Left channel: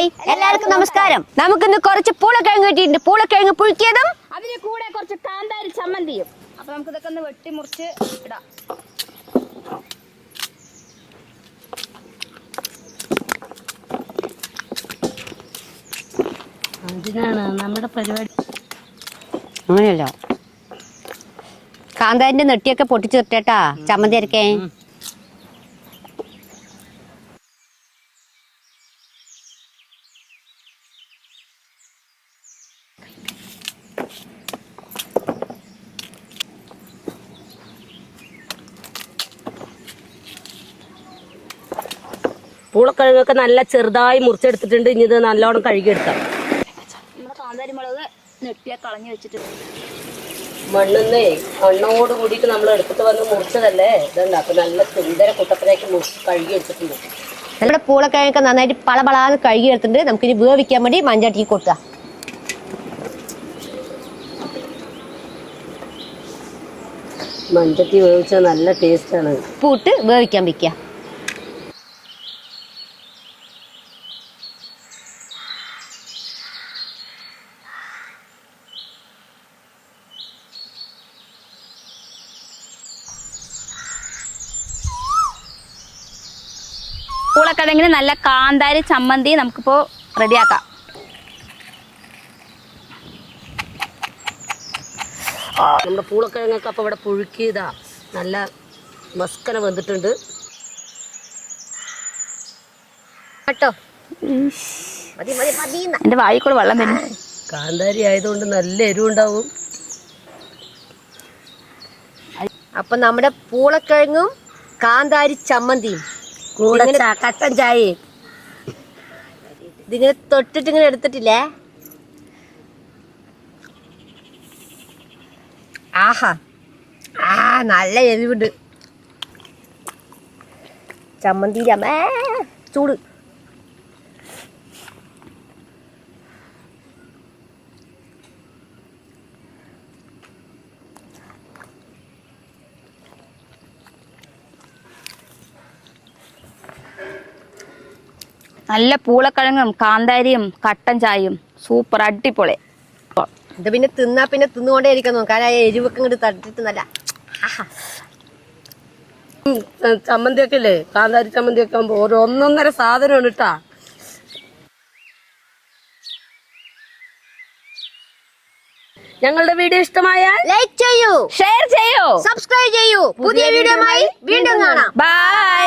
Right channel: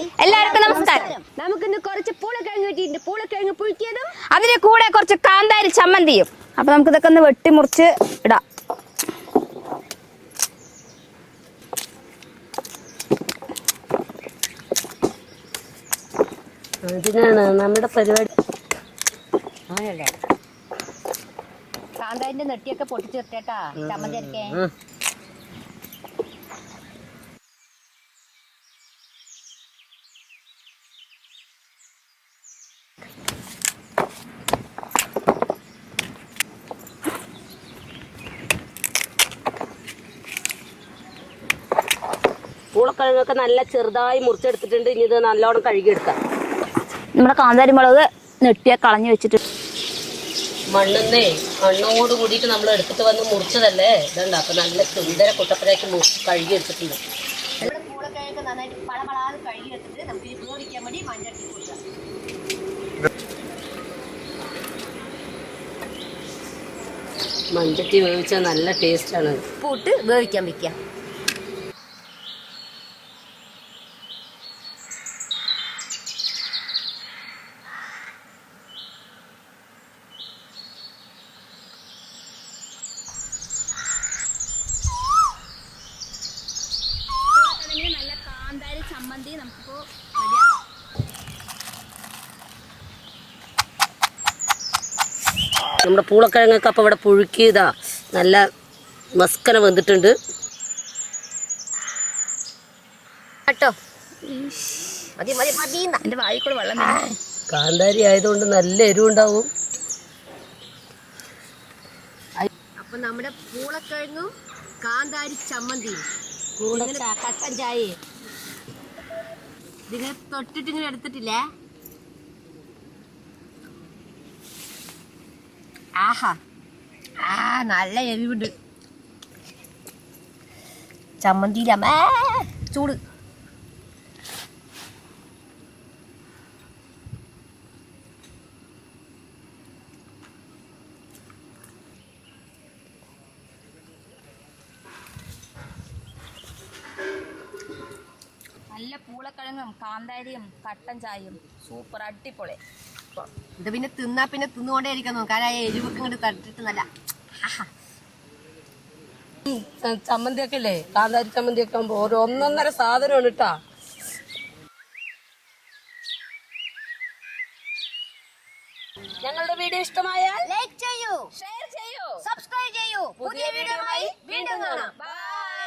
Hi. എല്ലാവർക്കും നമസ്കാരം. നമുക്കിന്ന് കുറച്ച് പൂളക്കിഴങ്ങ് കിട്ടിയിട്ടുണ്ട്. പൂളക്കിഴങ്ങ് പുഴുക്കിയതും അതിന്റെ കൂടെ കുറച്ച് കാന്താരി ചമ്മന്തിയും. അപ്പൊ നമുക്ക് ഇതൊക്കെ ഒന്ന് വെട്ടിമുറിച്ച് ഇടാം. അതിനാണ് നമ്മുടെ പരിപാടി. അങ്ങനെയല്ലോ. കാന്താരിന്റെ നെട്ടിയൊക്കെ പൊട്ടിച്ചു നിർത്തേട്ടാ ചമ്മന്തി അരക്കേ. പൂളക്കിഴങ്ങൊക്കെ നല്ല ചെറുതായി മുറിച്ചെടുത്തിട്ടുണ്ട്. ഇനി ഇത് നല്ലോണം കഴുകിയെടുക്കാം. നമ്മുടെ കാന്താരി മുളക് നെട്ടിയ കളഞ്ഞു വെച്ചിട്ട്. മണ്ണെന്നേ മണ്ണോട് കൂടിയിട്ട് നമ്മൾ എടുത്തിട്ട് വന്ന് മുറിച്ചതല്ലേ? ഇതുണ്ട്? അപ്പൊ നല്ല സുന്ദര കുട്ടത്തിലേക്ക് മുറിച്ച് കഴുകിയെടുത്തിട്ടുണ്ട്. നമ്മുടെ പൂളക്കിഴങ്ങൊക്കെ നന്നായിട്ട് പളപളാന്ന് കഴുകി എടുത്തിട്ടുണ്ട് നമുക്കിനി വേവിക്കാൻ വേണ്ടി മഞ്ചാട്ടിക്ക് കൊടുക്കുക മഞ്ചട്ടി വേവിച്ചത് നല്ല ടേസ്റ്റാണ് ഉപ്പിട്ട് വേവിക്കാൻ വെക്കുക. പൂളക്കിഴങ്ങിന് നല്ല കാന്താരി ചമ്മന്തി നമുക്കിപ്പോ റെഡിയാക്കാം. നമ്മുടെ പൂളക്കിഴങ്ങൊക്കെ അപ്പൊ ഇവിടെ പുഴുക്കി ഇതാ നല്ല മസ്കന വന്നിട്ടുണ്ട്. കേട്ടോ? മതി മതി മതി എന്റെ വായിക്കൂടെ വെള്ളം വരും കാന്താരി ആയതുകൊണ്ട് നല്ല എരിവുണ്ടാവും. അപ്പം നമ്മുടെ പൂളക്കിഴങ്ങും കാന്താരി ചമ്മന്തിയും. കൂടെ കട്ടൻ ചായ. ഇതിങ്ങനെ തൊട്ടിട്ട് ഇങ്ങനെ എടുത്തിട്ടില്ലേ? ആഹാ. ആ നല്ല എരിവുണ്ട്. ചമ്മന്തിയില ചൂട്. നല്ല പൂളക്കിഴങ്ങും കാന്താരിയും കട്ടൻ ചായയും. സൂപ്പർ അടിപൊളി. ഇത് പിന്നെ തിന്നാ പിന്നെ തിന്നുകൊണ്ടേ ഇരിക്കുന്നു കാരണം എരിവൊക്കെ ഇങ്ങോട്ട് തട്ടിട്ട് നല്ല. ചമ്മന്തിയൊക്കെ ഇല്ലേ? കാന്താരി ചമ്മന്തിയൊക്കെ ആകുമ്പോ ഒരു ഒന്നൊന്നര സാധനമാണ് കേട്ടാ. ഞങ്ങളുടെ വീഡിയോ ഇഷ്ടമായാൽ ലൈക്ക് ചെയ്യൂ. ഷെയർ ചെയ്യൂ. സബ്സ്ക്രൈബ് ചെയ്യൂ. പുതിയ വീഡിയോയുമായി വീണ്ടും കാണാം. ബൈ